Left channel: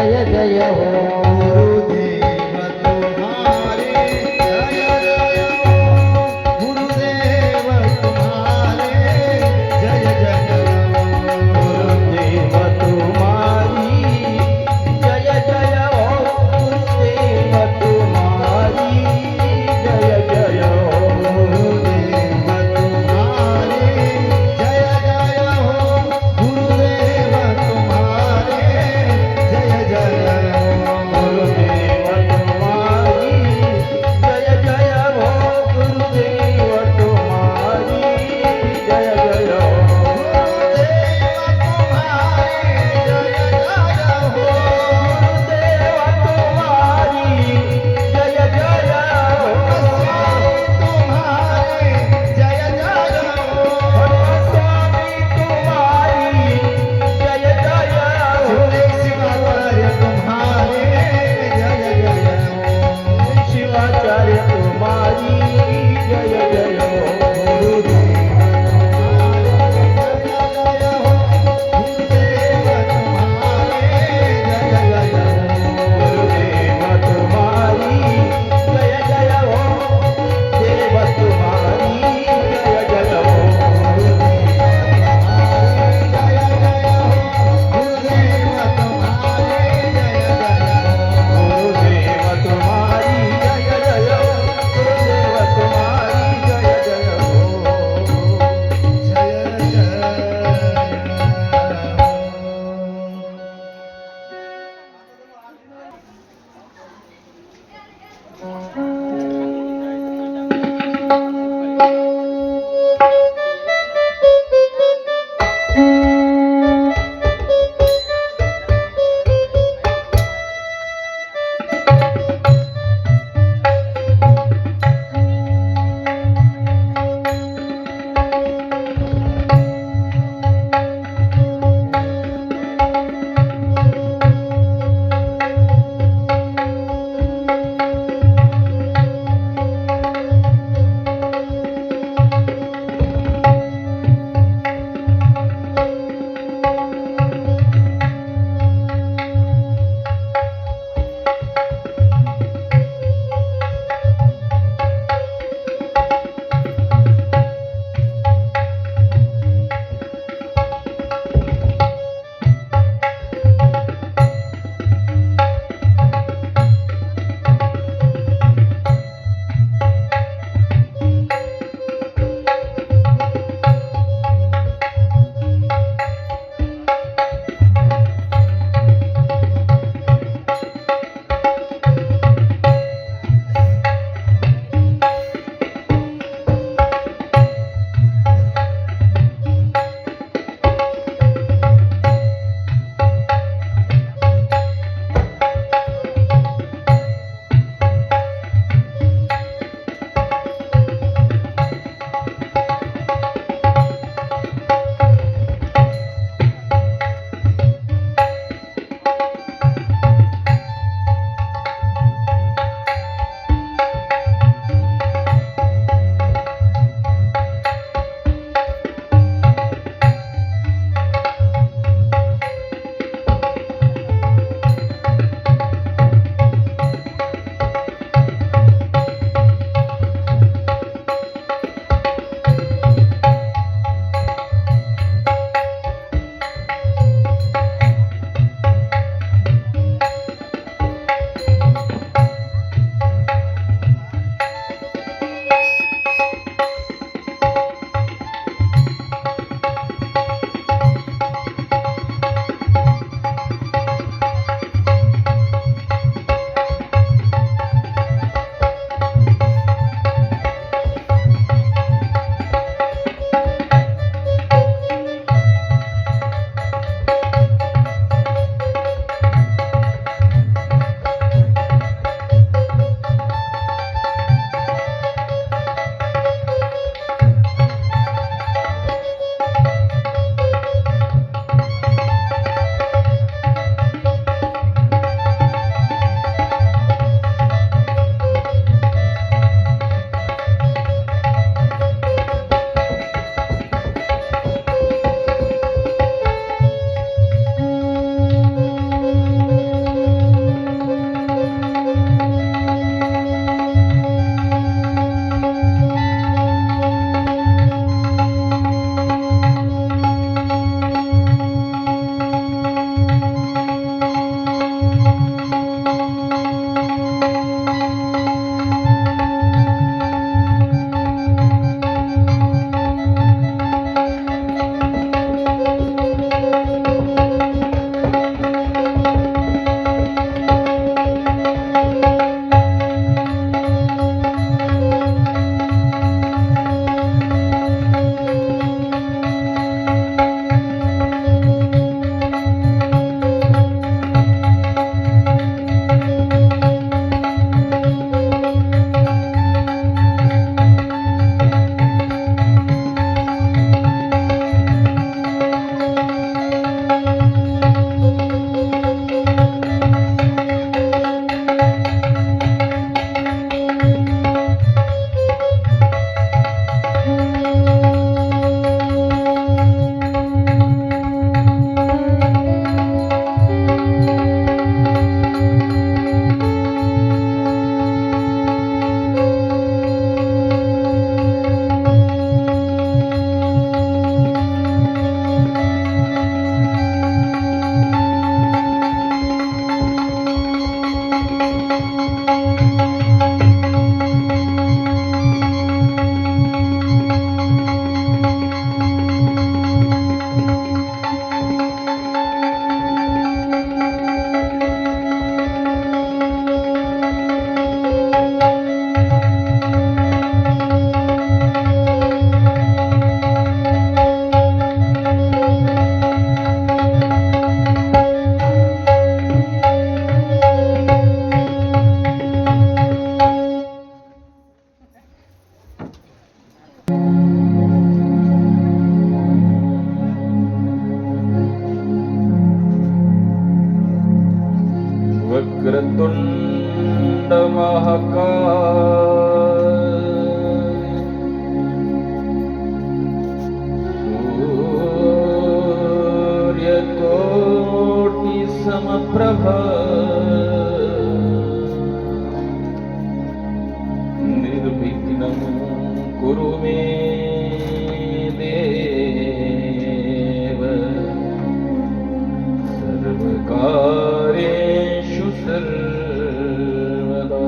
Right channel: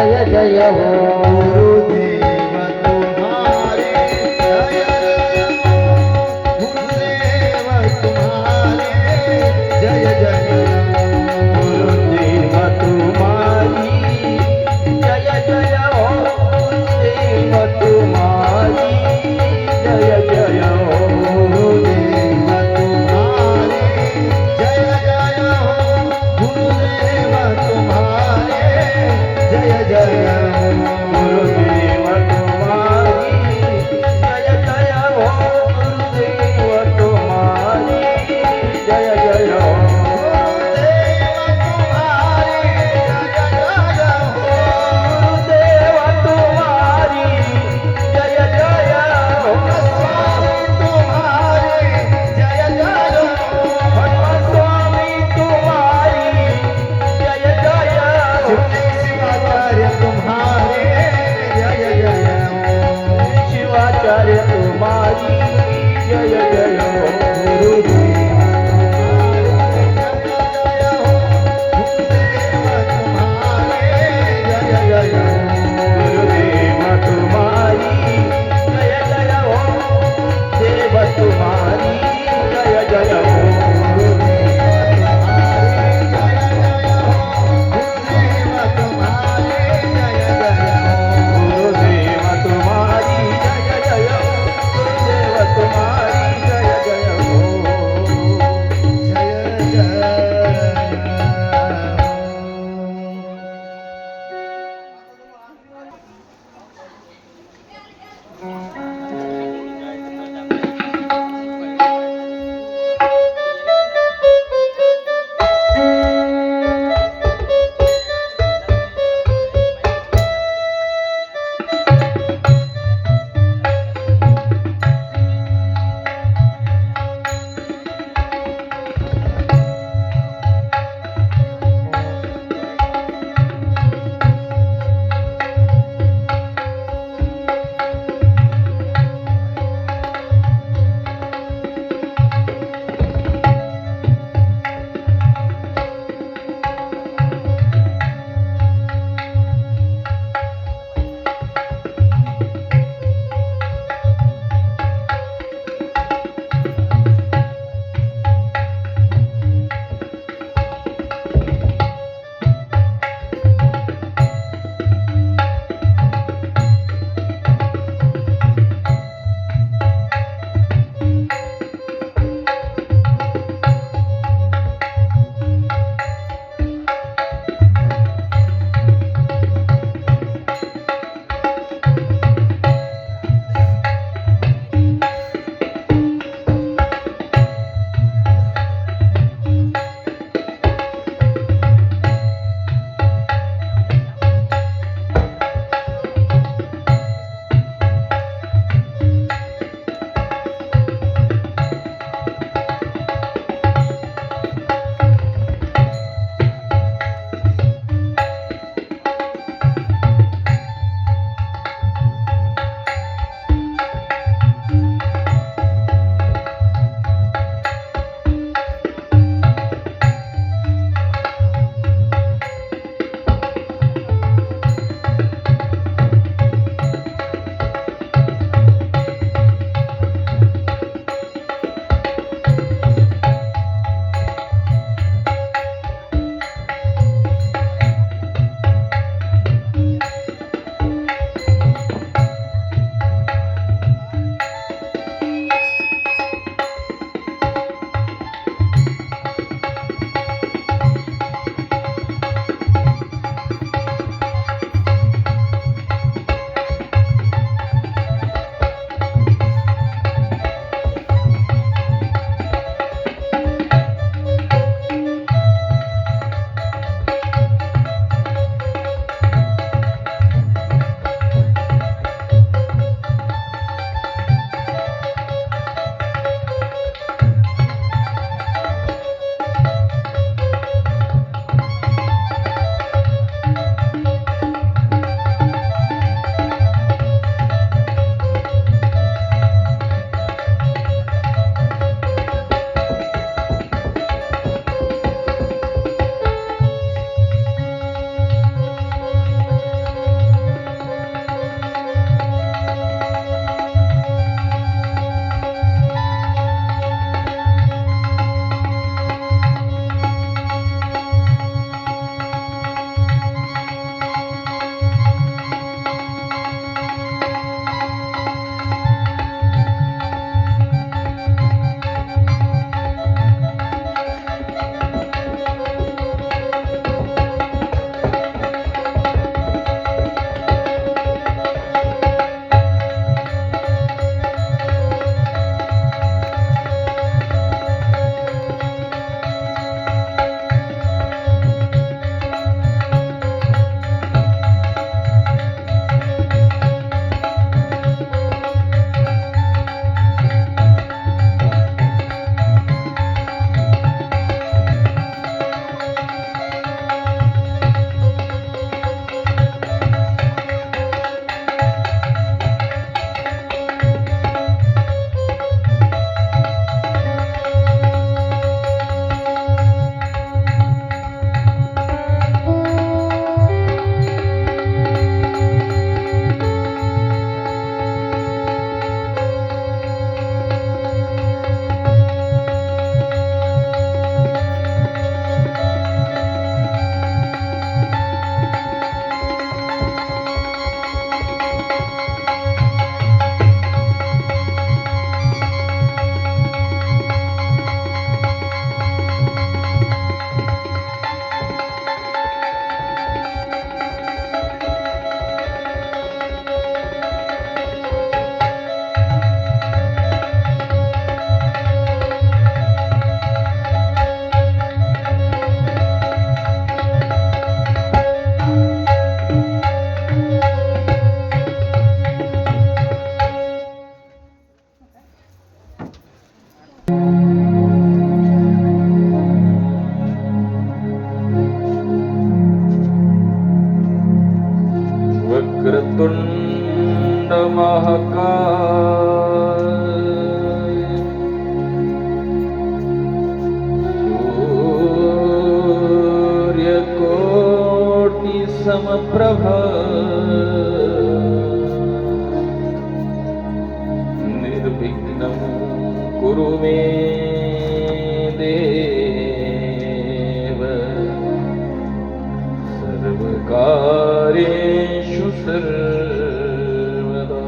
जय जय हो गुरुदेव तुम्हारे जय जय हो गुरुदेव तुम्हारे जय जय हो गुरुदेव तुम्हारी जय जय हो गुरुदेव तुम्हारी जय जय हो गुरुदेव तुम्हारे जय जय हो गुरुदेव तुम्हारे जय जय हो वक्रतुंड महाकाय सूर्यकोटि समप्रभा निर्विघ्नं कुरु मे देव सर्वकार्येषु सर्वदा।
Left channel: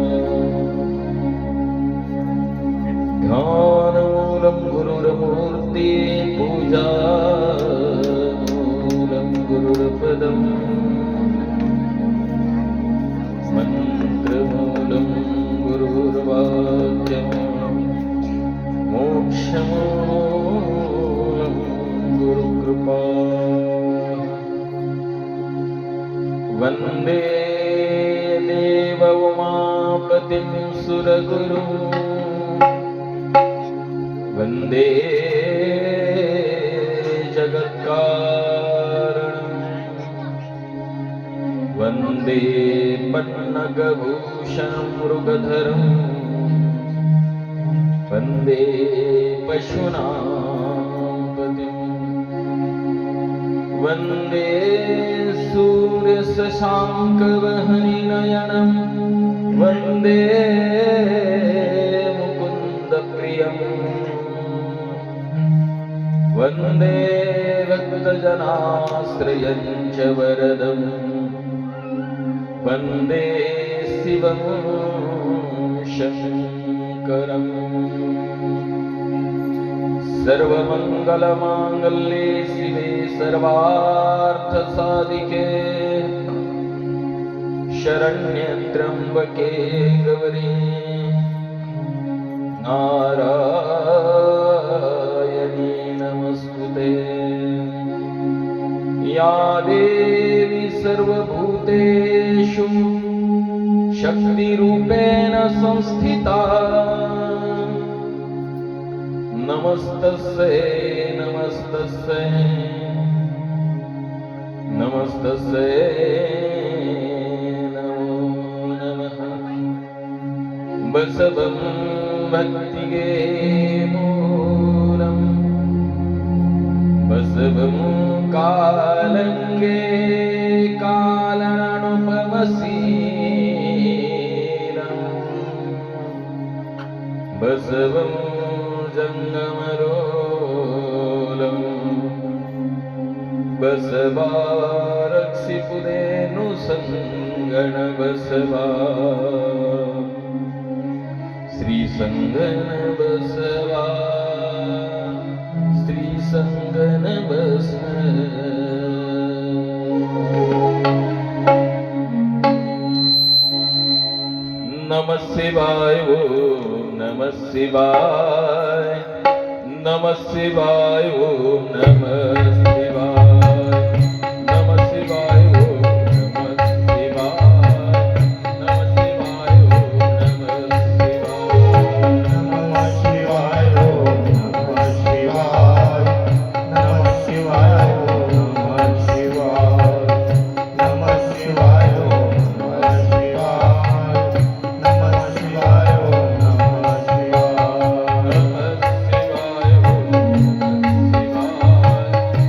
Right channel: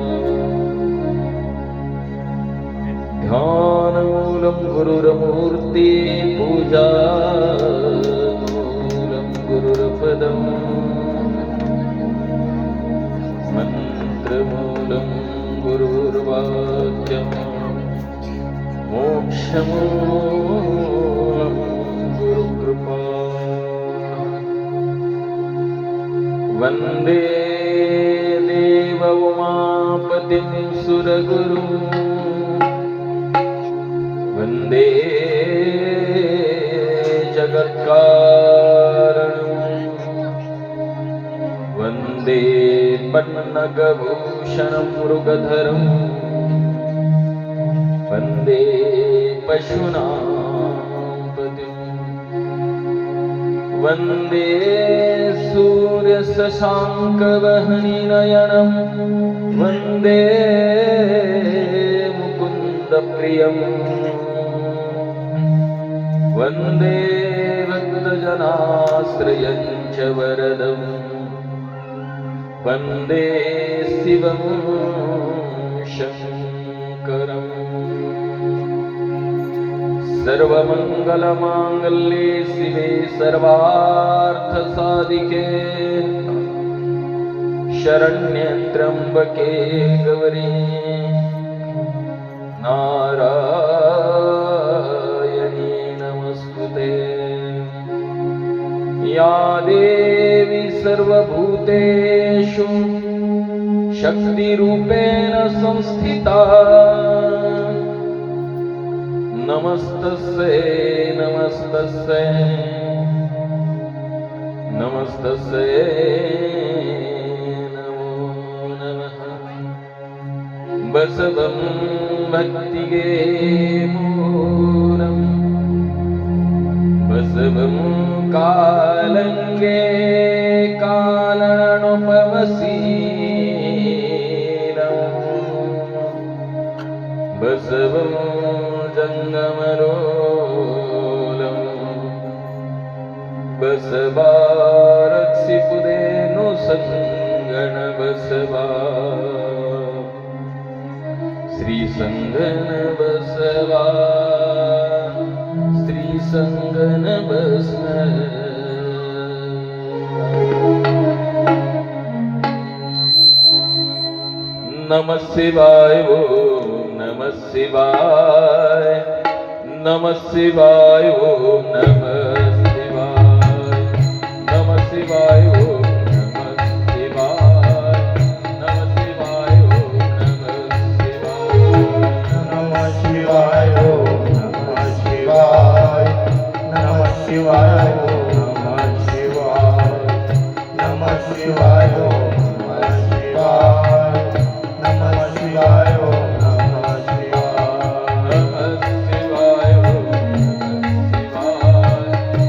ध्यानमूलं गुरुर्मूर्ति पूजामूलं गुरुर्पदम् मन्त्रमूलं गुरुर्वाक्यम् मोक्षमूलं गुरुकृपा। वन्दे देव उमापतिं सुरगुरुं वन्दे जगत्कारणं वन्दे पन्नगभूषणं मृगधरं वन्दे पशूनां पतिम् वन्दे सूर्यशशाङ्कवह्निनयनं वन्दे मुकुन्दप्रियं वन्दे भक्तजनाश्रयं च वरदं वन्दे शिवं शङ्करम्। सर्वमङ्गलमाङ्गल्ये शिवे सर्वार्थसाधिके शरण्ये त्र्यम्बके गौरी नारायणी नमस्तुते। या देवी सर्वभूतेषु शक्तिरूपेण संस्थिता नमस्तस्यै नमस्तस्यै नमस्तस्यै नमो नमः। बसवं भक्तिगे मूलं बसवं कालङ्गे कालानुपमशीलं बसवं जंगमरोलं बसवा रक्षिपुदेनु संगण बसवा श्री संगन बसवा श्री संगन बसवा। नमः शिवाय ओम नमः शिवाय नमः शिवाय ओम नमः शिवाय नमः शिवाय ओम नमः शिवाय नमः शिवाय ओम नमः शिवाय नमः शिवाय ओम नमः शिवाय नमः शिवाय ओम नमः शिवाय नमः शिवाय ओम नमः शिवाय नमः शिवाय ओम नमः शिवाय नमः शिवाय ओम नमः शिवाय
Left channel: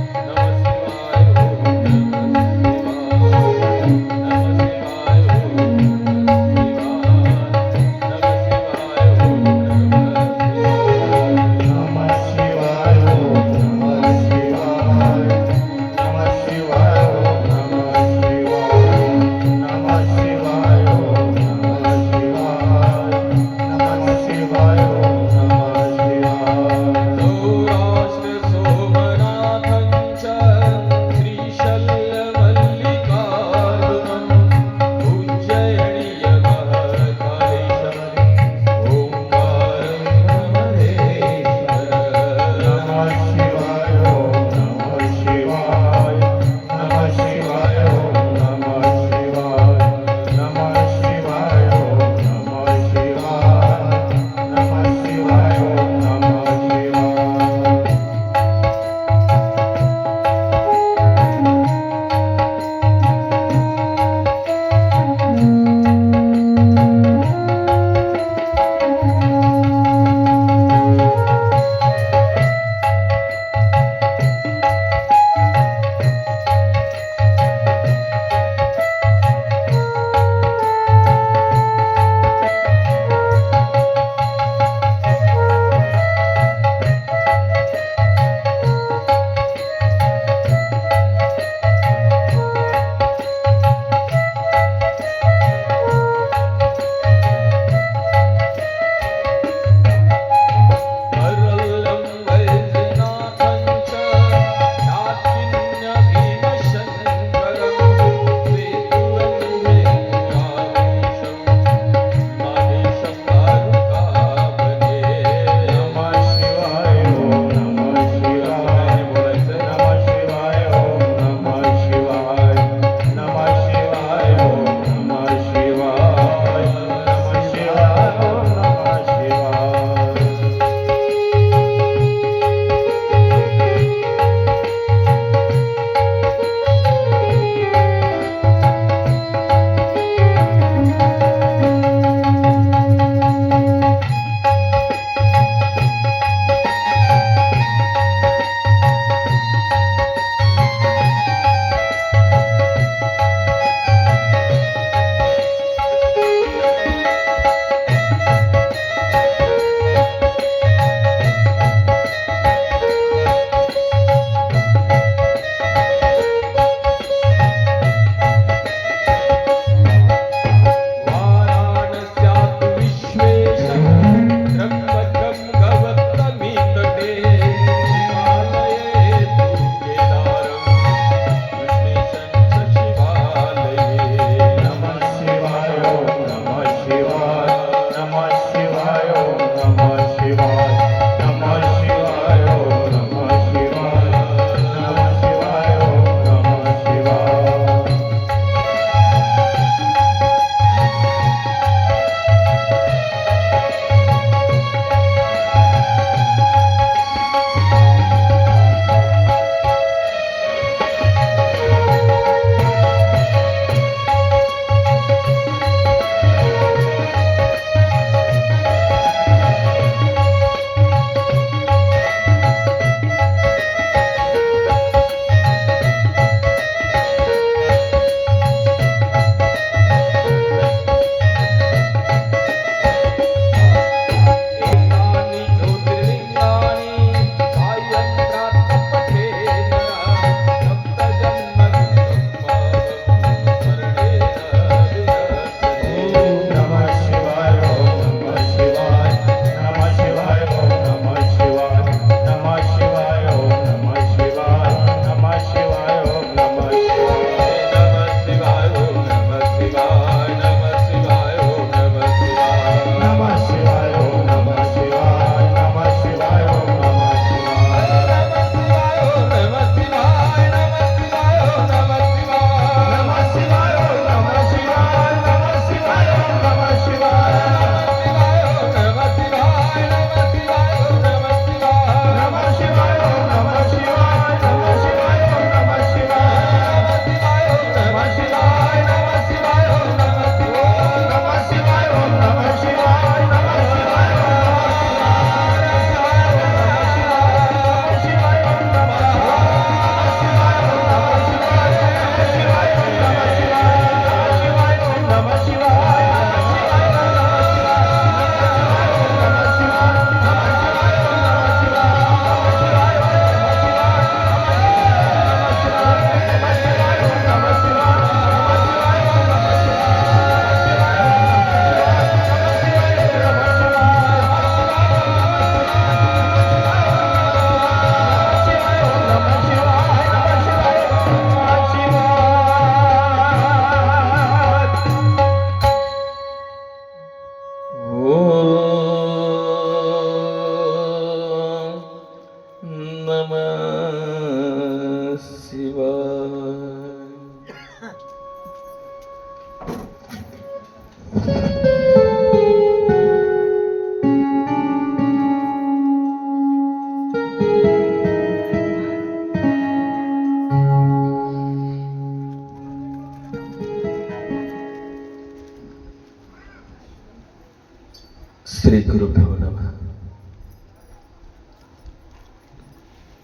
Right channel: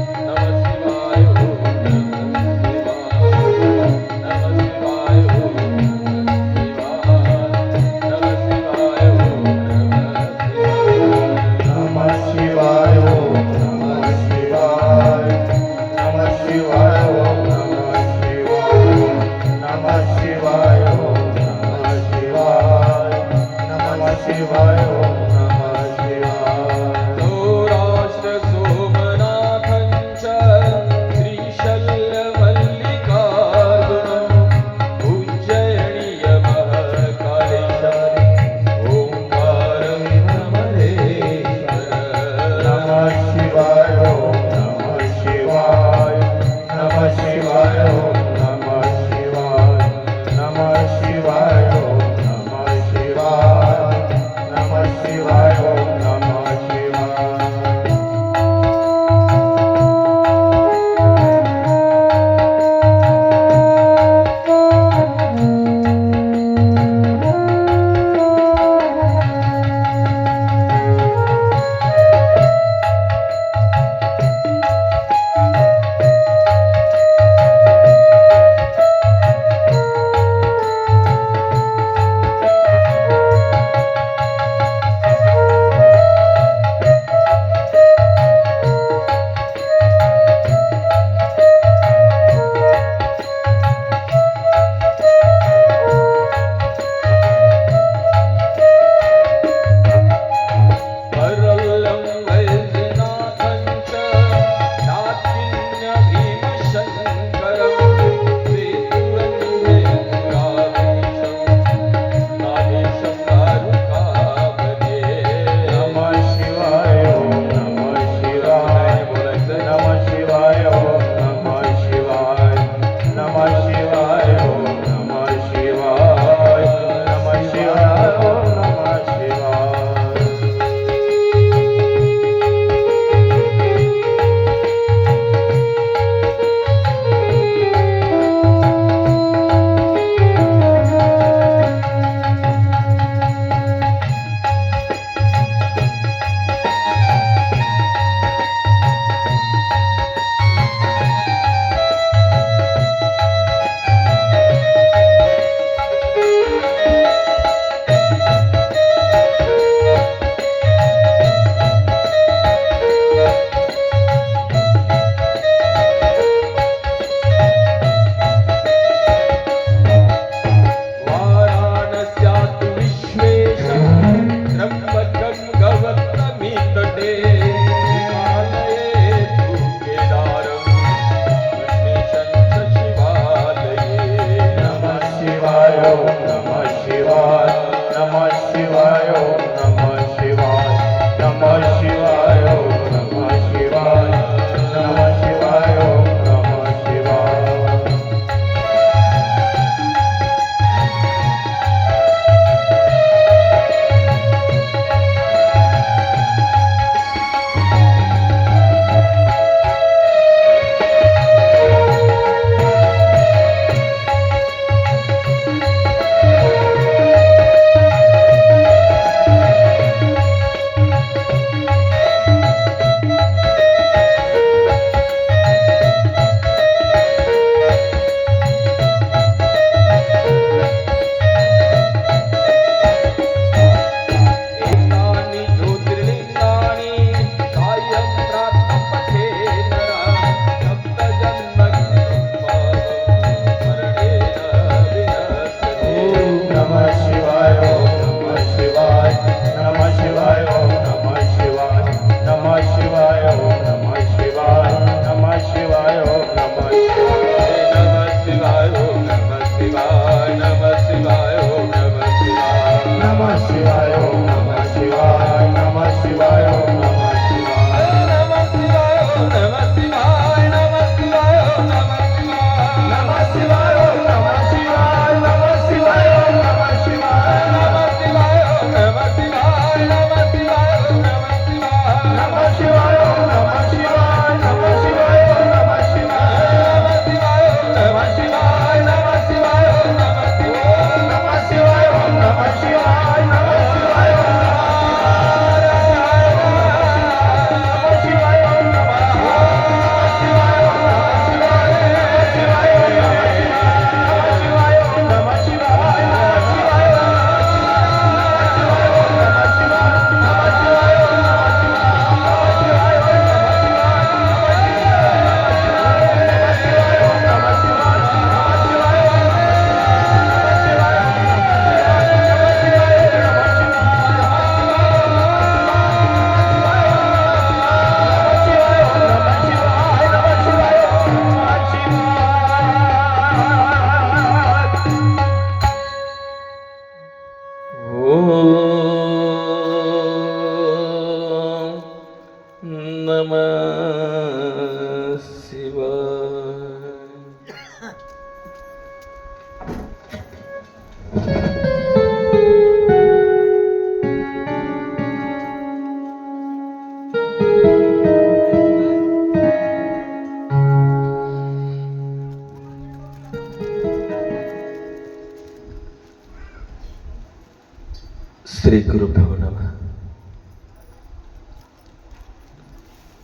श्री गुरुभ्यो नमः.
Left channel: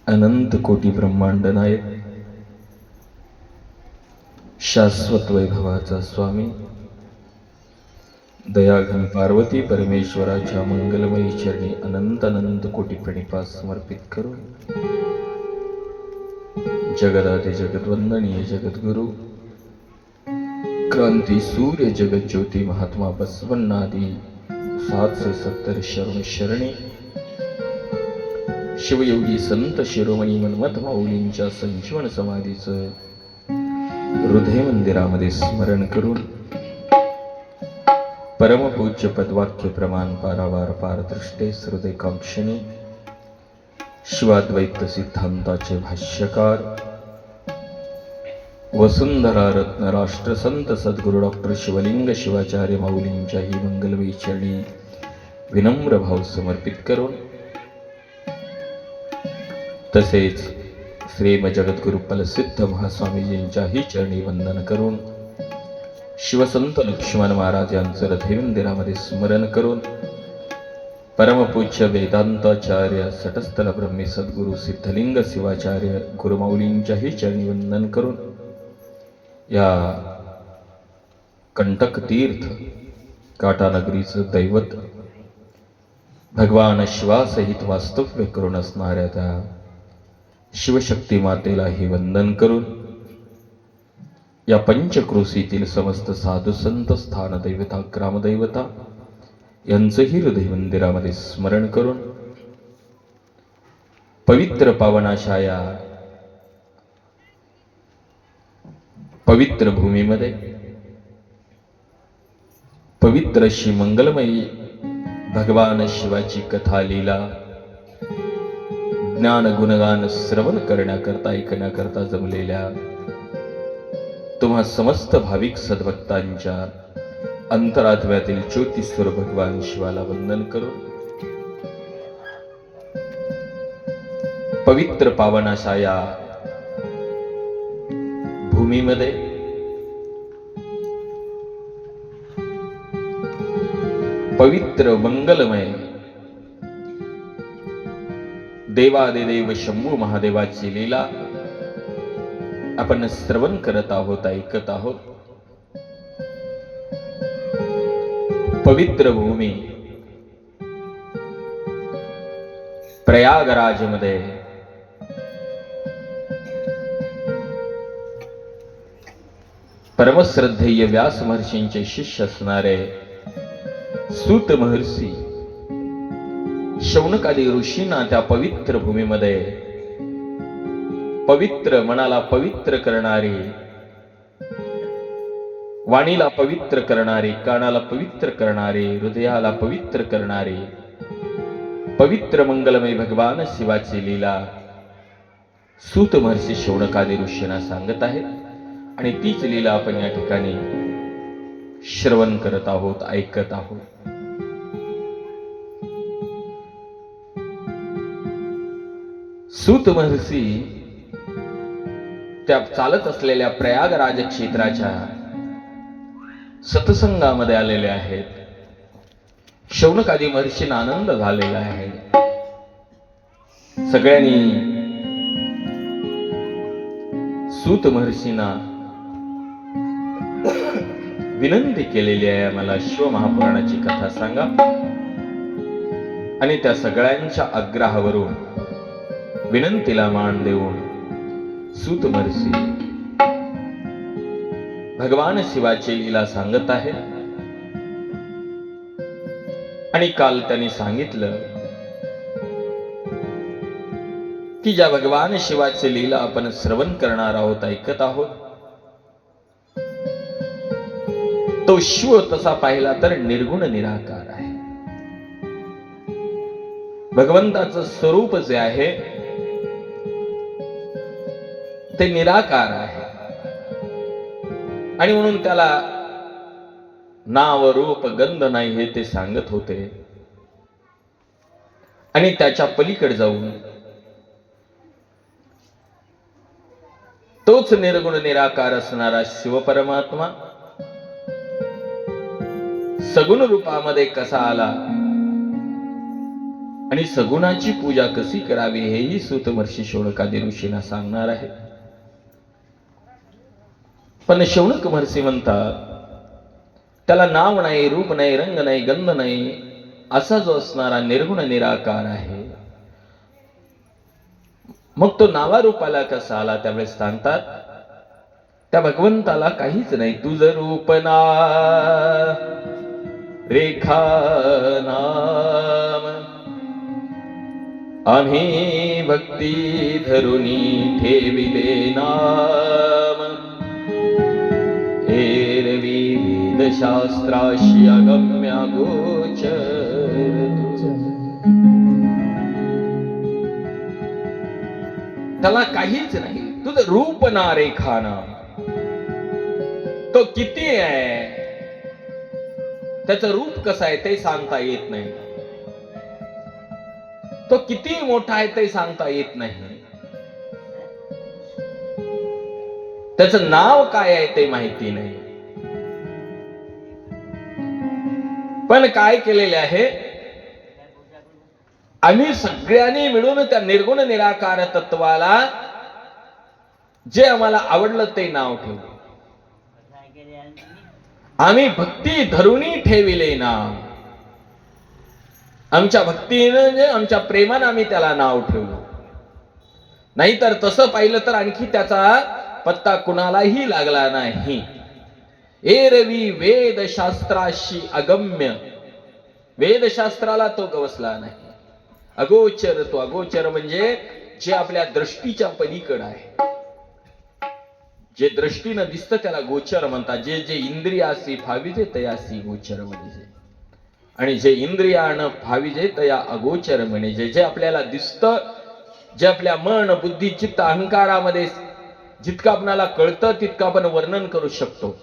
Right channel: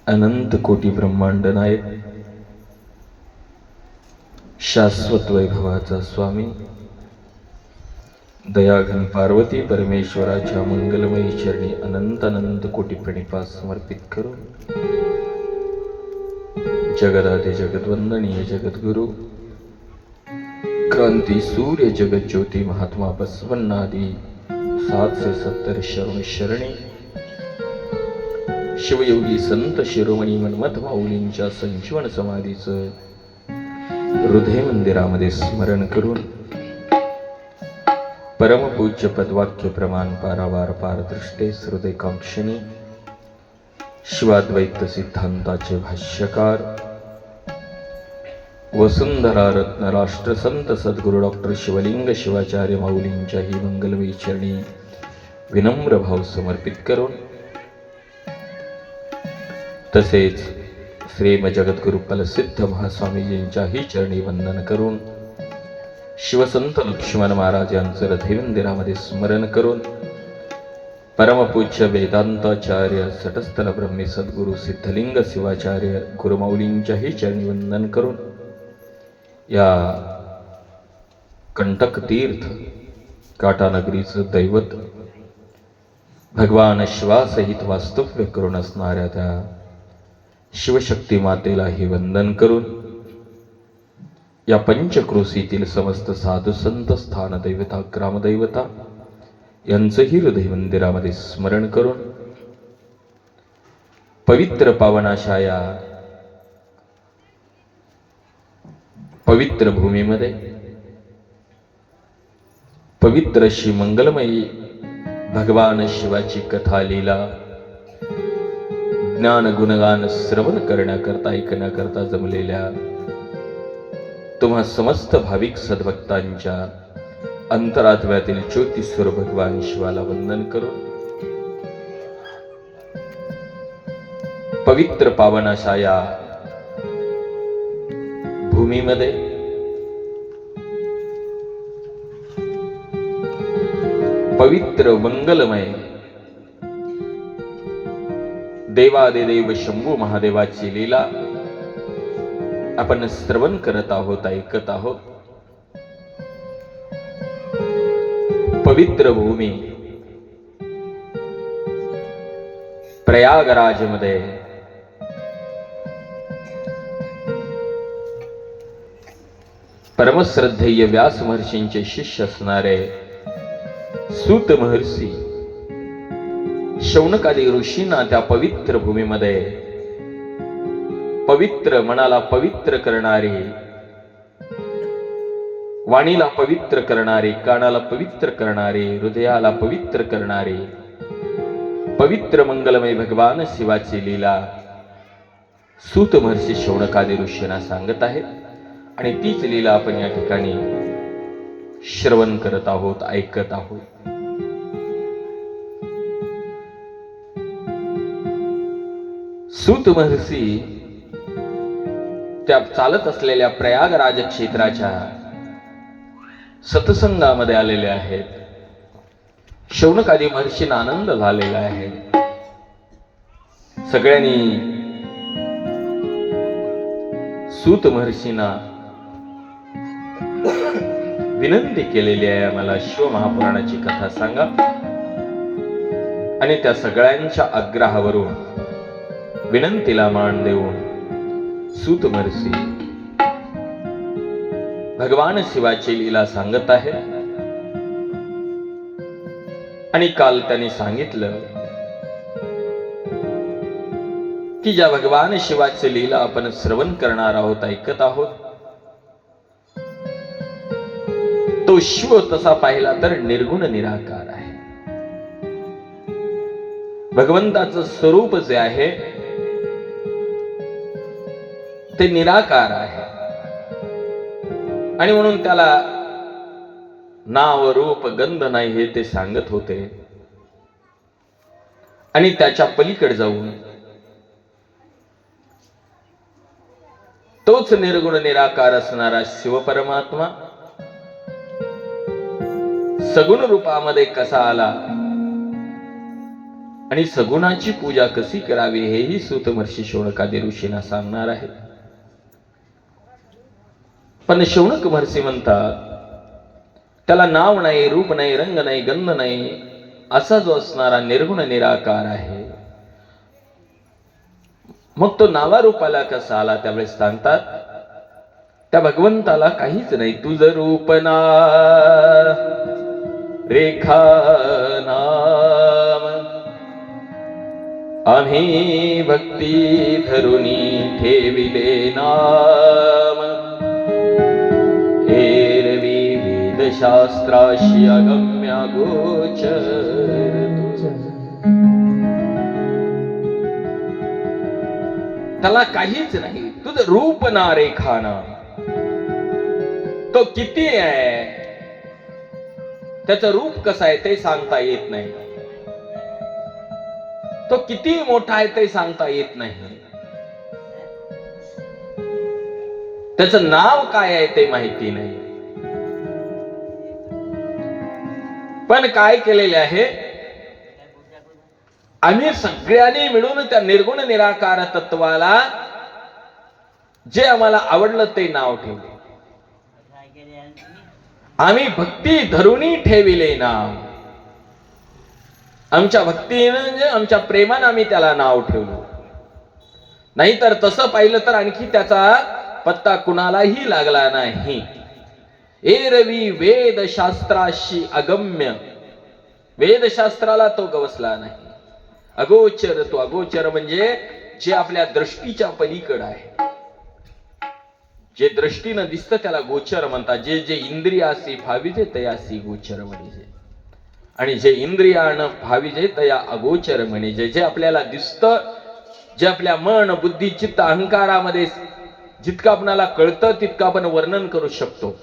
अनंत कोटी ब्रह्मांड नायक, शाश्वत वैभवाचा स्वामी, दयाघन पार्वती परमेश्वराच्या मंगलमयी चरणी अनंत अनंत कोटी प्रणिपात समर्पित करून जगदादि जगद्वंदनीय जगद्गुरु क्रांती सूर्य जगत ज्योती महात्मा बसवन्नादी 770 शरण शरणी शिवयोगी संत शिरोमणी मनमथ माऊलींच्या संजीवन समाधीचं हृदय मंदिरामध्ये स्मरण करून परमपूज्य पदवाक्य प्रमाण पारावार पारदृष्टे हृदयकांक्षणी शिवाद्वैत सिद्धांताचे भाष्यकार वसुंधरा रत्न राष्ट्रसंत सद्गुरु डॉक्टर शिवलिंग शिवाचार्य माऊलींच्या ही मंगलमयी चरणी विनम्र भाव समर्पित करून तसेच श्रीम जगद्गुरु प्रसिद्ध महास्वामीजींच्याही चरणी वंदन करून शिवसंत लक्ष्मण महाराज यांचं हृदय मंदिरामध्ये स्मरण करून परमपूज्य वेदांताचार्य सटस्थल ब्रह्मी सद्गुरु सिद्धलिंग शिवाचार्य गुरुमाऊलींच्याही चरणी वंदन करून या कंटक तीर्थ काटानगरीचं दैवत भगवान शिवासहित वास्तव्य करून असणाऱ्या त्या शिवशक्ती मातेलाही वंदन करून या पंचक्रोशीतील समस्त साधू संत स्थान दैवता ग्रामदैवता यांचंही हृदय मंदिरामध्ये स्मरण करून पवित्र पावनाशा या पवित्र भूमीमध्ये पवित्र अशी मंगलमयी भगवान शिवाची कथा लीला ज्ञान गुणगान श्रवण करण्याकरता ऐकण्याकरता जमलेल्या तुम्हा समस्त भाविक सद्भक्तांच्या अंतरात्म्यातील ज्योतिस्वर भगवान शिवाला वंदन करून पवित्र पावनाशा या भूमीमध्ये पवित्र मंगलमय देवादिदेव शंभू महादेवाची लीला आपण श्रवण करत आहोत, ऐकत आहोत. पवित्र भूमी प्रयागराज मध्ये परमश्रद्धेय व्यास महर्षींचे शिष्य असणारे सूत महर्षी शौनकादी ऋषींना त्या पवित्र भूमीमध्ये पवित्र मनाला पवित्र करणारे, वाणीला पवित्र करणारे, कानाला पवित्र करणारे, हृदयाला पवित्र करणारे पवित्र मंगलमय भगवान शिवाची लीला सूत महर्षी शौनकादी ऋषींना सांगत आहेत आणि तीच लीला आपण या ठिकाणी श्रवण करत आहोत, ऐकत आहोत. सूत महर्षी त्या चालत असलेल्या प्रयागराज क्षेत्राच्या सत्संगामध्ये आलेले आहेत. शौनकादी महर्षींना आनंद झालेला आहे. सगळ्यांनी सूत महर्षींना विनंती केलेली आहे, मला शिवमहापुराणाची कथा सांगा. आणि त्या सगळ्यांच्या आग्रहावरून विनंतीला मान देऊन सूत महर्षी भगवान शिवाची लीला सांगत आहे. आणि काल त्यांनी सांगितलं की ज्या भगवान शिवाची लीला आपण श्रवण करणार आहोत, ऐकत आहोत, तो शिव तसा पाहिला तर निर्गुण निराकार आहे. भगवंताचं स्वरूप जे आहे ते निराकार आहे आणि म्हणून त्याला नाव रूप गंध नाही हे ते सांगत होते. आणि त्याच्या पलीकडे जाऊन तोच निर्गुण निराकार असणारा शिव परमात्मा सगुण रूपामध्ये कसा आला आणि सगुणाची पूजा कशी करावी हेही सूत महर्षी शौनकादी ऋषींना सांगणार आहे. पण शौनक महर्षी म्हणतात त्याला नाव नाही, रूप नाही, रंग नाही, गंध नाही, असा जो असणारा निर्गुण निराकार आहे, मग तो नावारूपाला कसा आला? त्यावेळेस सांगतात त्या भगवंताला काहीच नाही. तुझ रूप ना रेखा नाम आम्ही भक्ती धरुनी ठेविले नाम. एरवी वेदशास्त्राशी अगम्य गोचर त्याला काहीच नाही. तुझं रूप ना रेखा ना, तो किती आहे, त्याचं रूप कसं आहे ते सांगता येत नाही. तो किती मोठा आहे ते सांगता येत नाही. त्याचं नाव काय आहे ते माहिती नाही. पण काय केलेले आहे, आम्ही सगळ्यांनी मिळून त्या निर्गुण निराकार तत्वाला जे आम्हाला आवडलं ते नाव ठेवलं. आम्ही भक्ती धरुनी ठेविले नाम. आमच्या भक्तीने, आमच्या प्रेमाने आम्ही त्याला नाव ठेवलं. नाहीतर तसं पाहिलं तर आणखी त्याचा पत्ता कुणालाही लागला नाही. एरवी वेदशास्त्राशी अगम्य, वेदशास्त्राला तो गवसला नाही. अगोचर, तो अगोचर म्हणजे जे आपल्या दृष्टीच्या पलीकडे आहे, जे दृष्टीनं दिसतं त्याला गोचर म्हणतात. जे जे इंद्रियासी भाविजे तयासी गोचर म्हणजे, आणि जे इंद्रियानं भाविजे तया अगोचर म्हणजे, जे आपल्याला दिसतं, जे आपल्या मन बुद्धी चित्त अहंकारामध्ये जितकं आपल्याला कळतं तितकं आपण वर्णन करू शकतो,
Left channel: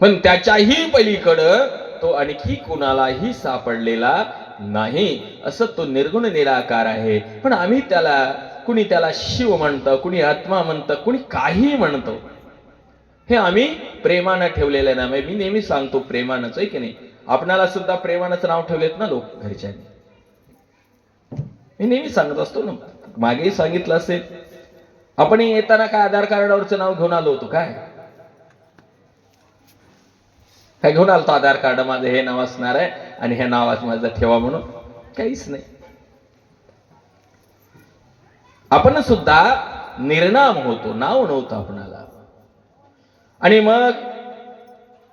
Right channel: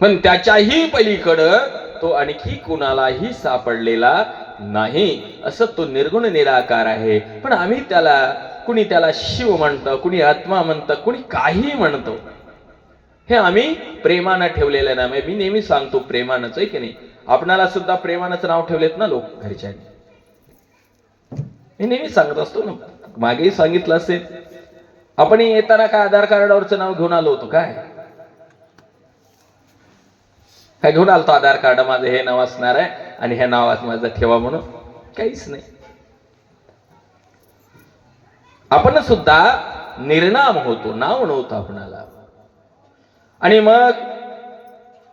पण त्याच्याही पलीकडं तो आणखी कुणालाही सापडलेला नाही. असं तो निर्गुण निराकार आहे. पण आम्ही त्याला, कुणी त्याला शिव म्हणतं, कुणी आत्मा म्हणतं, कुणी काही म्हणतो. हे आम्ही प्रेमानं ठेवलेलं नाही. मी नेहमी सांगतो प्रेमानंच आहे की नाही. आपणाला सुद्धा प्रेमानंच नाव ठेवलेत ना लोक घरच्यांनी. मी नेहमी सांगत असतो ना, मागेही सांगितलं असेल. आपण येताना काय आधार कार्डावरचं नाव घेऊन आलो होतो काय घेऊन आलतो? आधार कार्ड माझं हे नाव असणार आहे आणि हे नावात माझं ठेवा म्हणून काहीच नाही. आपण सुद्धा निर्नाम होतो, नाव नव्हतं आपणाला. आणि मग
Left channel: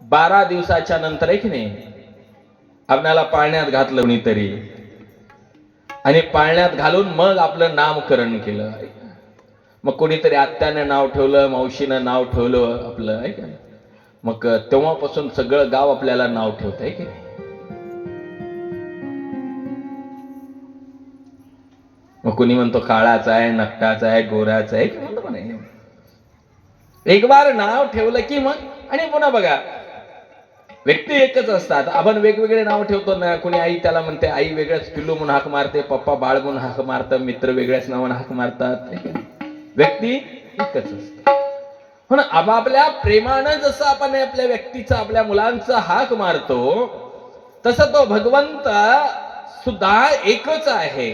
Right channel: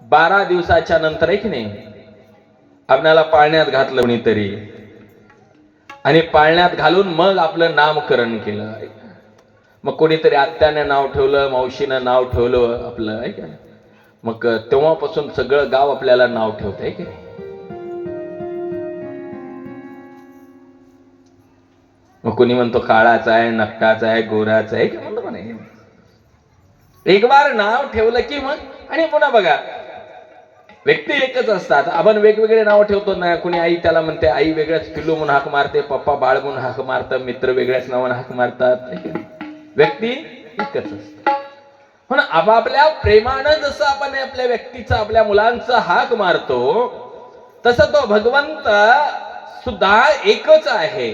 12 दिवसाच्या नंतर एक नाही आपल्याला पाळण्यात घातलं कोणीतरी, आणि पाळण्यात घालून मग आपलं नामकरण केलं. मग कोणीतरी आत्यानं नाव ठेवलं, मावशीनं नाव ठेवलं आपलं, आहे का? मग तेव्हापासून सगळं गाव आपल्याला नाव ठेवत आहे की. मग कोणी म्हणतो काळाचा आहे, नक्काचा आहे, गोराचा आहे, म्हणतो म्हणे. एक बार नाव ठेवलं की मग, आणि पुन्हा बघा व्यक्ती एकच असतात, आपण वेगवेगळे नाव ठेवतो ना. कोणी आई त्याला म्हणते, आई वेगळ्याच पिल्लू म्हणून हाक मारते, पप्पा बाळ म्हणून हाक मारतात, मित्र वेगळ्याच नावाने हाक मारतात. व्यक्ती एकच असते. पण आपापल्या प्रेमानं जसं आपण आपल्या व्यक्तीचा, आपल्या मुलांचा हाक मारतो, तसं तो भगवंत सुद्धा एकच आहे.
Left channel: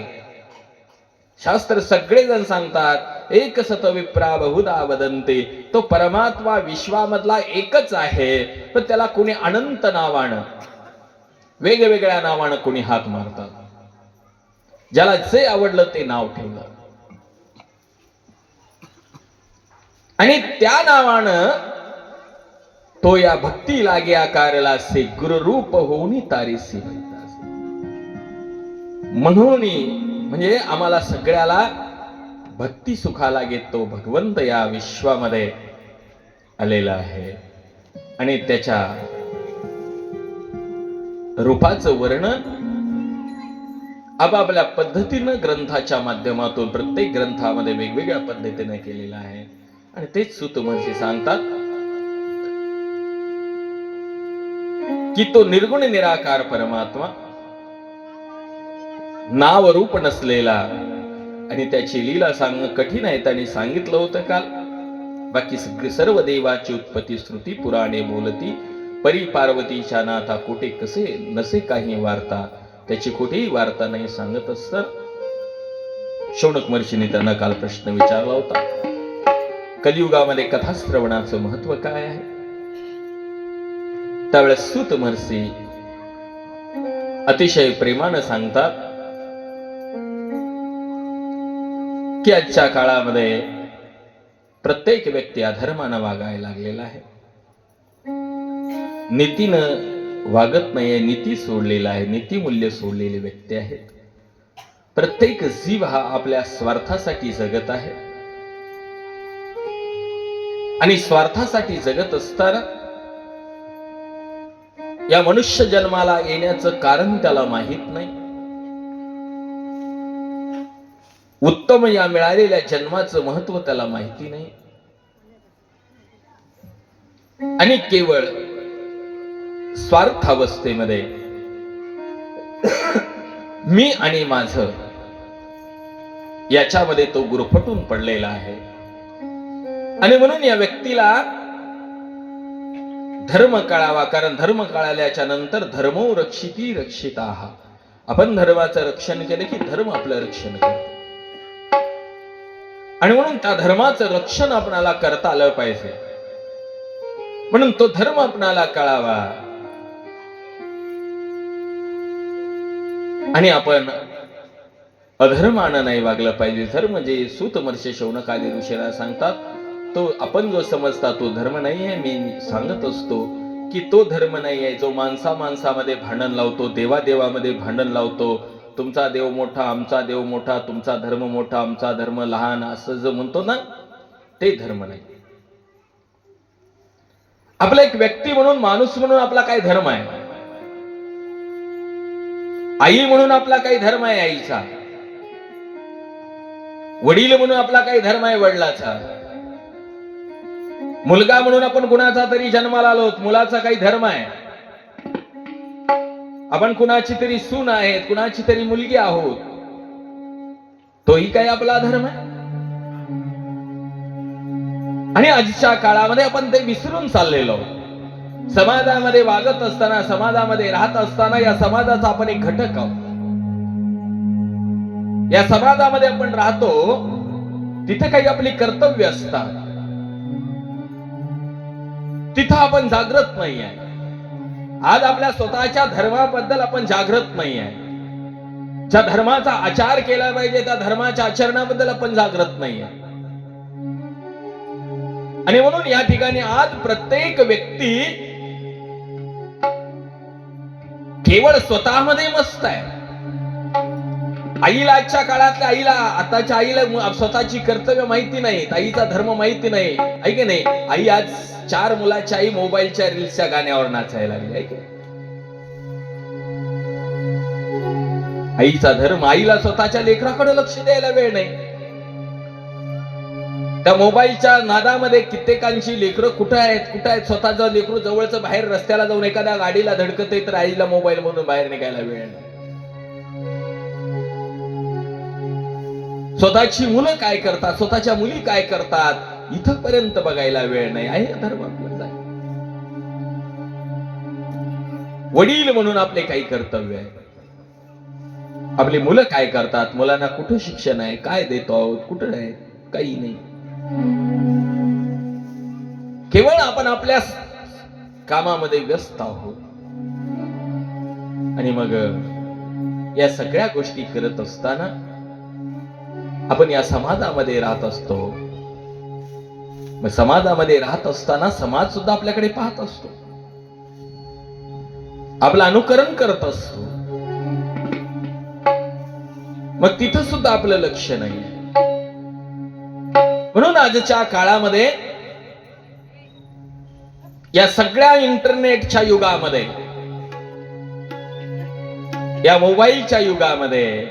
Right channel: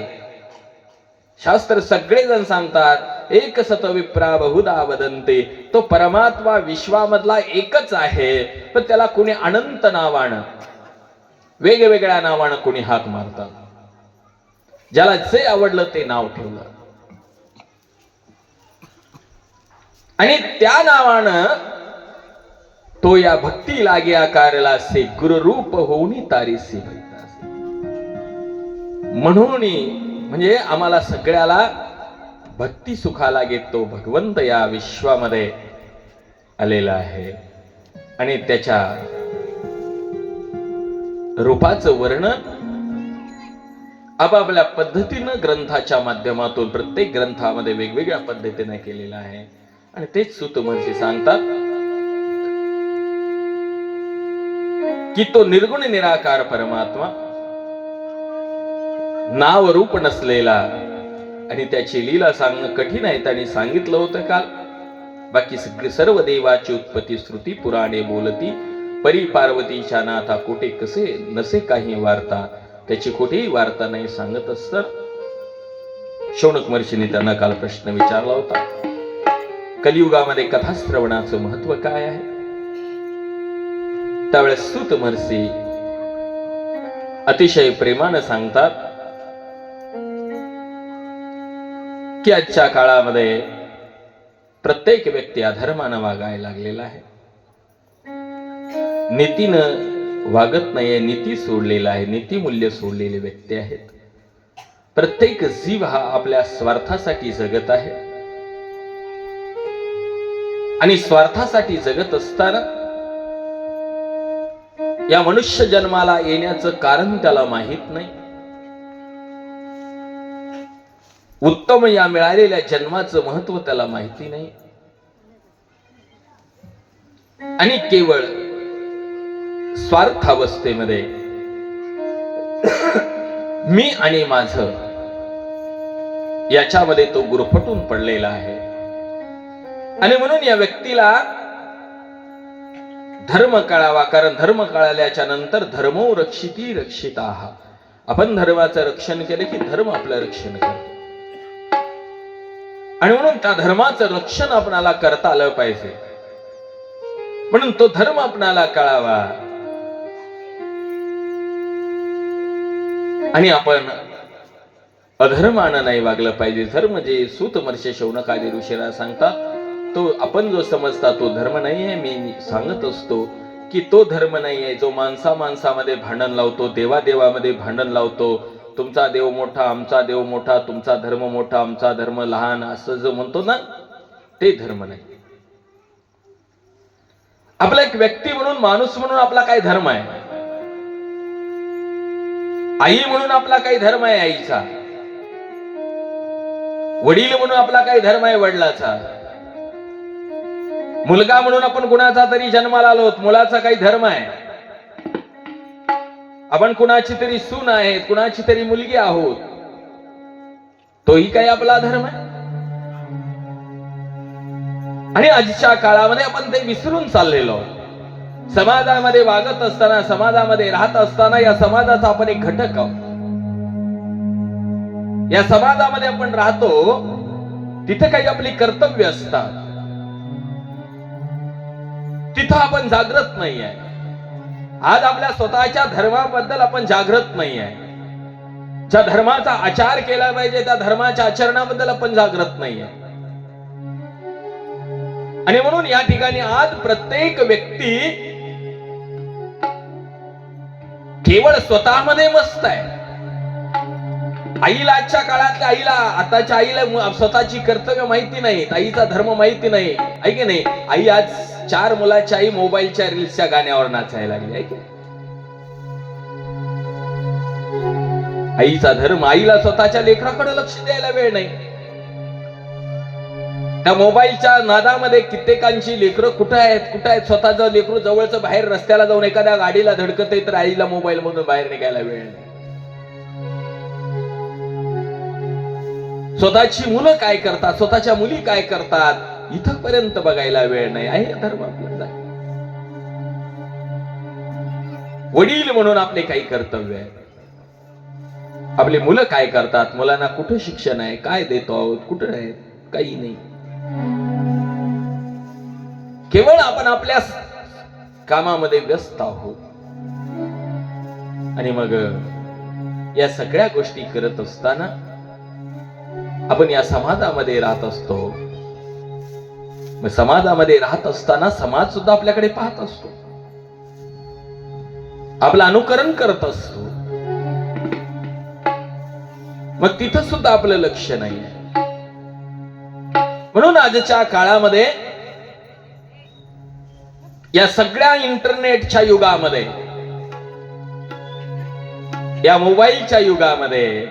शास्त्र सगळेजण सांगतात एक सत विप्रा बहुधा वदन्ते. तो परमात्मा विश्वामधला एकच आहे, पण त्याला कोणी अनंत नावानं, वेगवेगळ्या नावानं कोणी हाक मारतात. ज्याला जे आवडलं ते नाव ठेवलं, आणि त्या नावानं तो या भक्ती लागे आकारला से गुरुरूप होऊनी तारीसी. म्हणून म्हणजे आम्हाला सगळ्याला भक्ती सुखाला घेतो भगवंत या विश्वामध्ये आलेला आहे. आणि त्याच्या रूपाचं वर्णन आपापल्या पद्धतीनं ग्रंथाच्या माध्यमातून प्रत्येक ग्रंथामध्ये वेगवेगळ्या पद्धतीने केलेलं आहे. आणि तेच सूत महर्षी सांगतात की तो निर्गुण निराकार परमात्मा, नाव रूप नसलेला, आणि त्याची लीला सांगणं कठीण आहे. त्यांनी सांगितलं होतं काल. बाकी सर्व देवाची उत्पत्ती श्रुती पुराणे बोलती, परी पार्वतीच्या नाथा कोठे कसे नसे काही वार्ता. त्याची कुठेही वार्ता नाही सांगत असत. शौनक महर्षीने त्यांना काल प्रश्न विचारला होता, कलियुगामध्ये कथा श्रवणाचं महत्व काय आहे? त्यावेळेस सूत महर्षी अतिशय प्रेमानं सांगतात की आजच्या काळामध्ये प्रत्येक व्यक्ती अधर्मानं वागायला लागलेला आहे, नीतीनं वागत नाहीये, नीती सोडलेला आहे, नीतिमूल्य सोडलेले व्यक्ती आहेत. प्रत्येक जीव हा आपल्या स्वार्थासाठी जगत आहे आणि स्वार्थासाठी जगत असताना या मनुष्य जन्माला येण्याचं कारण त्याला माहित नाही. उत्तम या मिळालेल्या जन्माचं महत्व त्याला माहिती नाही आणि केवळ स्वार्थावस्थेमध्ये मी आणि माझं याच्यामध्ये तो गुरफटून पडलेला आहे. आणि म्हणून या व्यक्तीला धर्म कळावा, कारण धर्म कळाल्याच्या नंतर धर्मो रक्षिती रक्षिताः. आपण धर्माचं रक्षण केलं की धर्म आपलं रक्षण करतो आणि म्हणून त्या धर्माचं रक्षण आपणाला करता आलं पाहिजे. म्हणून तो धर्म आपणाला कळावा आणि आपण अधर्मानं नाही वागलं पाहिजे. धर्म जे सूत महर्षी शौनकादी ऋषीला सांगतात तो आपण जो समजता तो धर्म नाही आहे. मी सांगत असतो की तो धर्म नाही आहे जो माणसामध्ये भांडण लावतो, देवादेवामध्ये भांडण लावतो. तुमचा देव मोठा, आमचा देव मोठा, तुमचा धर्म मोठा, आमचा धर्म लहान, असं जो म्हणतो ना, ते धर्म नाही. आपला एक व्यक्ती म्हणून, माणूस म्हणून आपला काय धर्म आहे? आई म्हणून आपला काही धर्म आहे आईचा, वडील म्हणून आपला काही धर्म आहे वडिलाचा, मुलगा म्हणून आपण कुणाचा तरी जन्माला आलो, मुलाचा काही धर्म आहे. आपण कुणाची तरी सून आहेत, कुणाची तरी मुलगी आहोत, तोही काही आपला धर्म आहे. आणि आजच्या काळामध्ये आपण ते विसरून चाललेलो. समाजामध्ये वागत असताना, समाजामध्ये राहत असताना या समाजाचा आपण एक घटक आहोत. या समाजामध्ये आपण राहतो, तिथे काही आपली कर्तव्य असतात, तिथं आपण जागृत नाहीये. आज आपल्या स्वतःच्या धर्माबद्दल आपण जागृत नाहीये. ज्या धर्माचा आचार केला पाहिजे त्या धर्माच्या आचरणाबद्दल आपण जागृत नाहीये. आणि म्हणून या ठिकाणी आज प्रत्येक व्यक्ती केवळ स्वतःमध्ये मस्त आहे. आईला, आजच्या काळातल्या आईला, आताच्या आईला स्वतःची कर्तव्य माहिती नाहीत, आईचा धर्म माहिती नाही. आहे की नाही? आई आज 4 मुलाच्या आई मोबाईलच्या रील्सच्या गाण्यावर नाचायला लागली. आहे की आईचा धर्म, आईला स्वतःच्या लेकराकडे लक्ष द्यायला वेळ नाही. त्या मोबाईलच्या नादामध्ये कित्येकांची लेकरं कुठे आहेत, स्वतःचं लेकरू जवळचं बाहेर रस्त्याला जाऊन एखाद्या गाडीला धडकते तर आईला मोबाईल मधून बाहेर निघायला वेळ नाही. स्वतःची मुलं काय करतात, स्वतःच्या मुली काय करतात, इथपर्यंत बघायला वेळ नाही. आहे धर्म आपल्याला. वडील म्हणून आपले काही कर्तव्य आहे. आपली मुलं काय करतात, मुलांना कुठं शिक्षण आहे, काय देतो आहोत, कुठं आहे, काही नाही. केवळ आपण आपल्या कामामध्ये व्यस्त आहोत. आणि मग या सगळ्या गोष्टी करत असताना आपण या समाजामध्ये राहत असतो. मग समाजामध्ये राहत असताना समाज सुद्धा आपल्याकडे पाहत असतो, आपलं अनुकरण करत असतो. मग तिथं सुद्धा आपलं लक्ष नाही. म्हणून आजच्या काळामध्ये या सगळ्या इंटरनेटच्या युगामध्ये, या मोबाईलच्या युगामध्ये,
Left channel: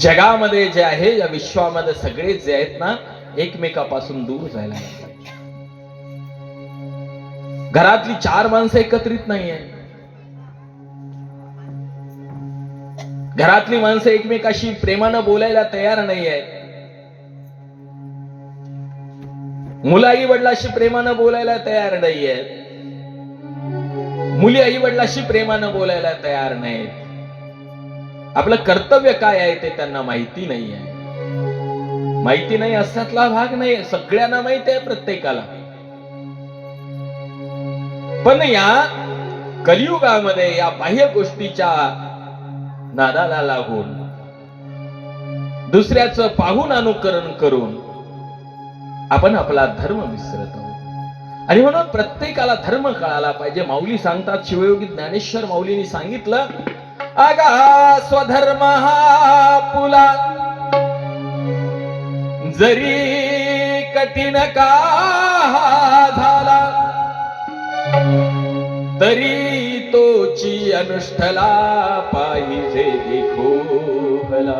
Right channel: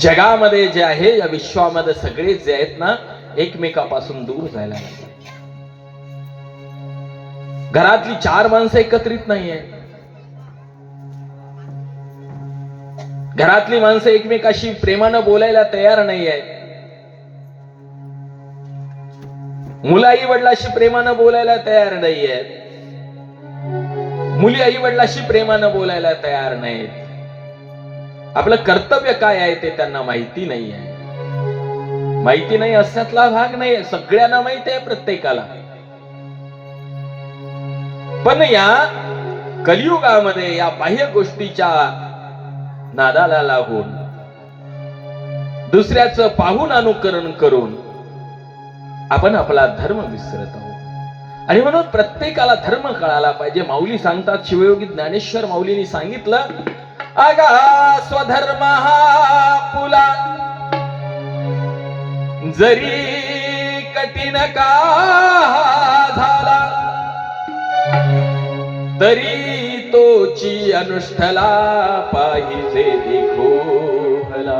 जगामध्ये जे आहे, या विश्वामध्ये सगळे जे आहेत ना, एकमेकापासून दूर जायला लागले. घरातली 4 माणसं एकत्रित नाहीये. घरातली माणसं एकमेकाशी प्रेमानं बोलायला तयार नाहीये. मुलं आई वडिलाशी प्रेमानं बोलायला तयार नाहीये. मुली आई वडिलाशी प्रेमानं बोलायला तयार नाहीत. आपलं कर्तव्य काय आहे ते त्यांना माहिती नाही आहे. माहिती नाही अशातला भाग नाही, सगळ्यांना माहिती आहे प्रत्येकाला. पण या कलियुगामध्ये या बाह्य गोष्टीच्या नादाला लागून दुसऱ्याचं पाहून अनुकरण करून आपण आपला धर्म विसरत आहोत. आणि म्हणून प्रत्येकाला धर्म कळायला पाहिजे. माऊली सांगतात, शिवयोगी ज्ञानेश्वर माऊलींनी सांगितलं, अगा स्वधर्म हा पुला जरी कठीण का झाला तरी तोची अनुष्ठला पाहिजे देखो भला.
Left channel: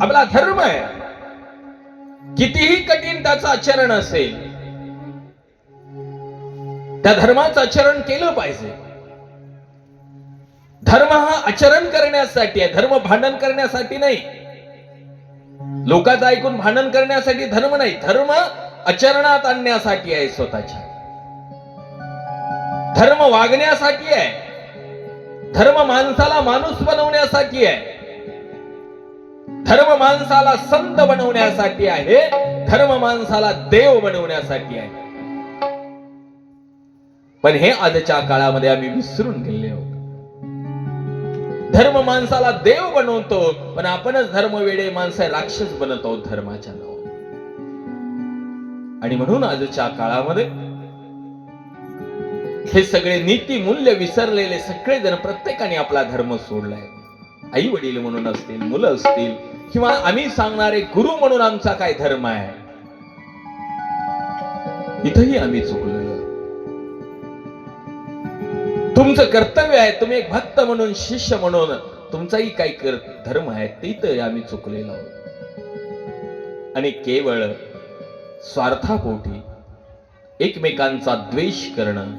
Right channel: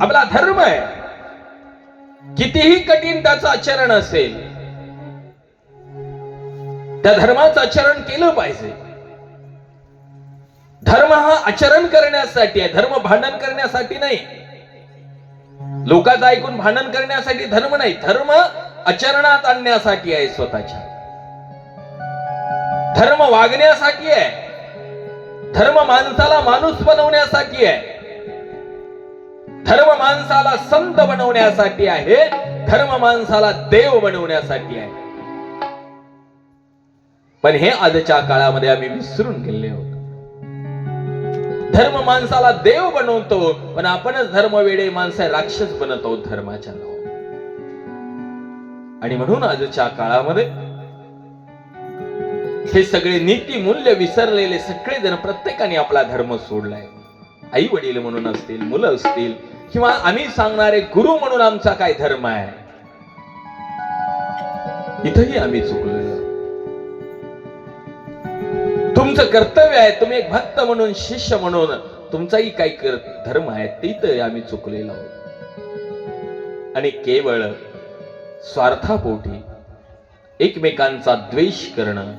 आपला धर्म आहे, कितीही कठीण त्याचं आचरण असेल, त्या धर्माचं आचरण केलं पाहिजे. धर्म हा आचरण करण्यासाठी आहे, धर्म भांडण करण्यासाठी नाही. लोकांचं ऐकून भांडण करण्यासाठी धर्म नाही, धर्म आचरणात आणण्यासाठी आहे. स्वतःच्या धर्म वागण्यासाठी आहे. धर्म माणसाला माणूस बनवण्यासाठी आहे. धर्म माणसाला संत बनवण्यासाठी आहे. धर्म माणसाला देव बनवण्यासाठी आहे. पण हे आजच्या काळामध्ये आम्ही विसरून गेले आहोत. धर्म माणसाला देव बनवतो, पण आपणच धर्मवेडे माणसे राक्षस बनत आहोत धर्माच्या नावावर. आणि म्हणून आजच्या काळामध्ये हे सगळे नीती मूल्य विसरलेले सगळेजण, प्रत्येकाने आपला धर्म सोडलाय. आई वडील म्हणून असतील, मुलं असतील, किंवा आम्ही सांगणारे गुरु म्हणून आमचा काय धर्म आहे, इथंही आम्ही चुकलेलो. तुमचं कर्तव्य आहे, तुम्ही एक भक्त म्हणून, शिष्य म्हणून तुमचाही काही धर्म आहे, तिथं आम्ही चुकलेलो आहोत. आणि केवळ स्वार्थापोटी एकमेकांचा द्वेष करणं,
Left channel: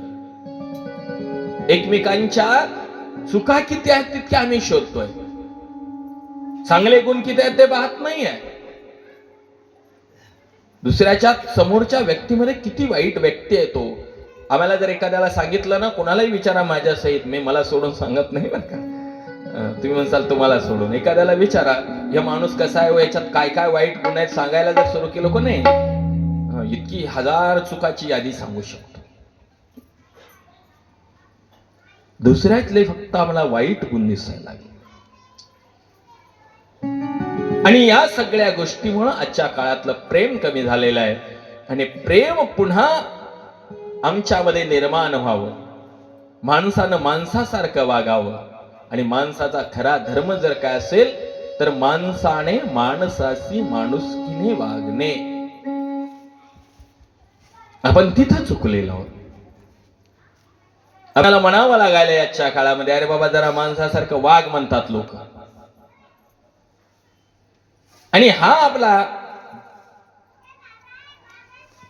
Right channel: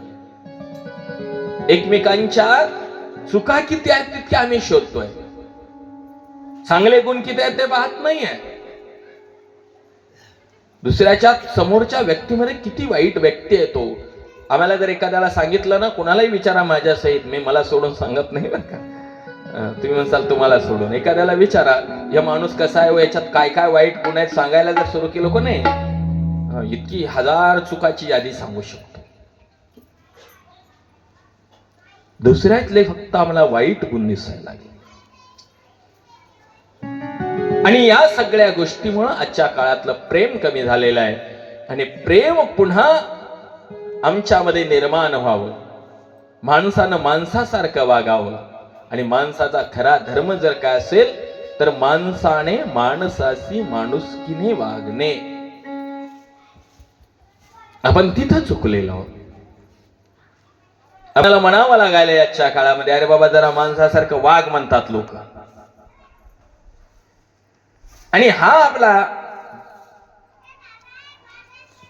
एकमेकांच्या चुका किती आहेत तितक्या आम्ही शोधतोय, चांगले गुण किती आहेत ते पाहत नाहीये. दुसऱ्याच्या समोरच्या व्यक्तीमध्ये किती वाईट व्यक्ती आहे तो. आम्हाला जर एखाद्याला सांगितलं ना, कोणालाही विचारा माझ्या सहित, मी मला सोडून सांगत नाही बरं का. तुम्ही म्हणसाल तुम्हाला सोडून, एखाद्याला विचारा या माणूस कसा आहे, याच्यात काय काय वाईट गुण आहेत सांगायला जर सुरू केलं को नाही, इतकी हजार चुकाची यादी सांगू शकतो. दुसऱ्यातले फक्त आम्हाला वाईट गुण दिसायला लागले. आणि या सगळ्या गोष्टीमुळे आजच्या काळातलं प्रेम कमी झालेलं आहे. आणि प्रेम पुन्हा आमच्यामध्ये निर्माण व्हावं, माणसानं माणसासारखं वागावं. आणि माणसाचा खरा धर्म जर काय असेल तर माणसाने माणसाशी माणुसकीने वागणे. आपण तिथं चुकलेलो आहोत. आपल्याला म्हणावं लागायला याच्या काळामध्ये, अरे बाबा जरा माणसासारखं वाग म्हणतात लोक. आणि हा आपला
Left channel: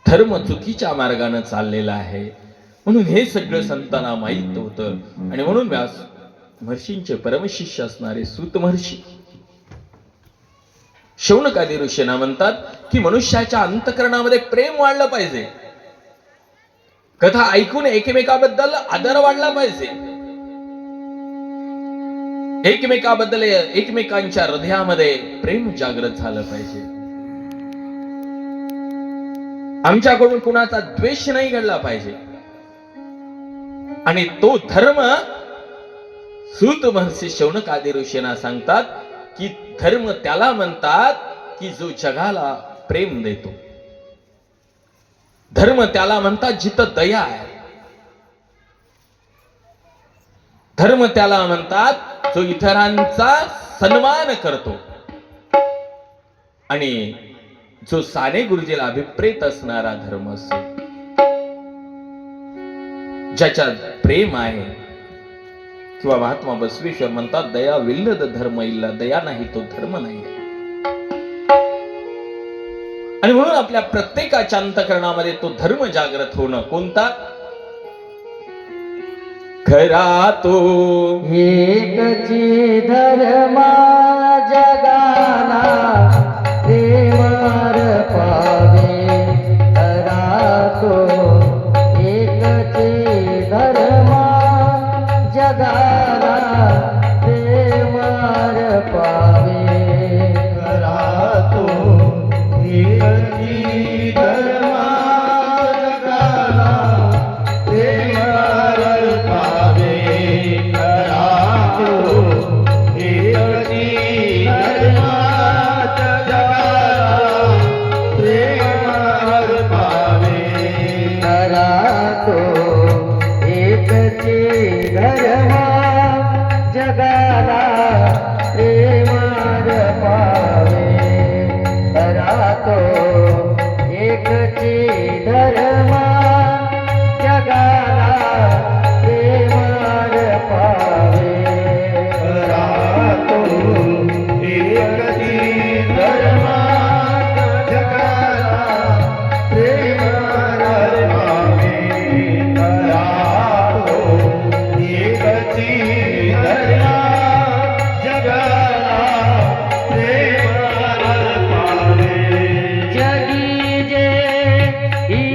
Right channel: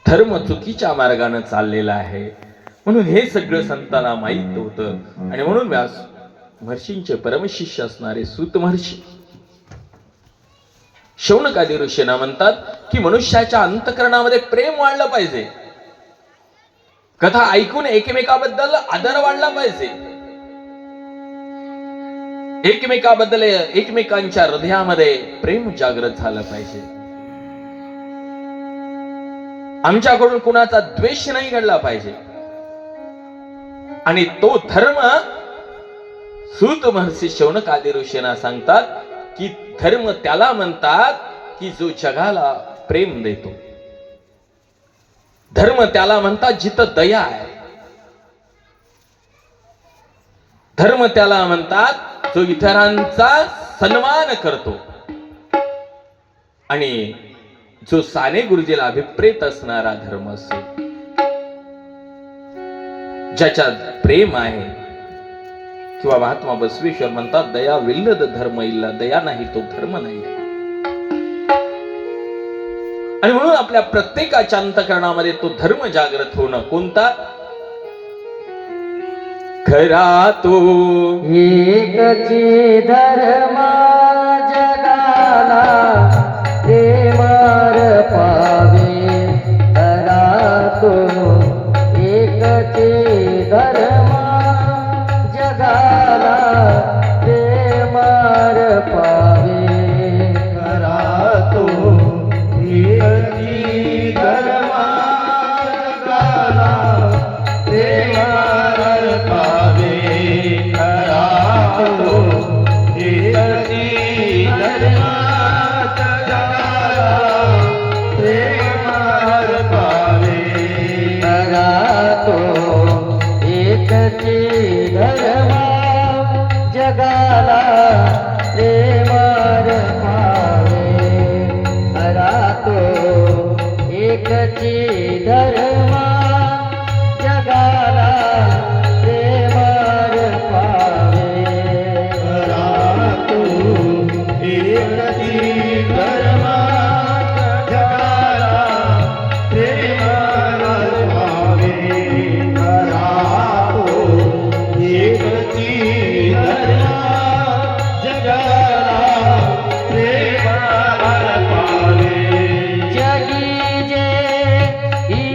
धर्म चुकीच्या मार्गाने चाललेला आहे. म्हणून हे सगळं संतांना माहित होतं. आणि म्हणून व्यास महर्षींचे परमशिष्य असणारे सूत महर्षी शौनकादी ऋषींना म्हणतात की मनुष्याच्या अंतःकरणामध्ये प्रेम वाढलं पाहिजे. कथा ऐकून एकमेकाबद्दल आदर वाढला पाहिजे. एकमेकाबद्दल, एकमेकांच्या हृदयामध्ये प्रेम जागृत झालं पाहिजे. आमच्याकडून कुणाचा द्वेष नाही घडला पाहिजे. आणि तो धर्म सूत महर्षी शौनकादी ऋषींना सांगतात की धर्म त्याला म्हणतात की जो जगाला प्रेम देतो. धर्म त्याला म्हणतात जिथं दया आहे. धर्म त्याला म्हणतात जो इतरांचा सन्मान करतो. आणि जो साने गुरुजीला अभिप्रेत असणारा धर्म असेल, ज्याच्यात प्रेम आहे. किंवा महात्मा बसवेश्वर म्हणतात, दया विल्लद धर्म इल्ला, दया नाही तो धर्म नाही. आणि म्हणून आपल्या प्रत्येकाच्या अंतःकरणामध्ये तो धर्म जागृत होणं. कोणता? खरा तो एकची धर्म जगाला प्रेमार पावे. खरा तो एकची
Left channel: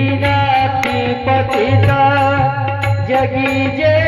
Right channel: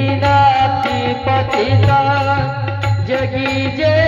दीनाती पतिता जगी जय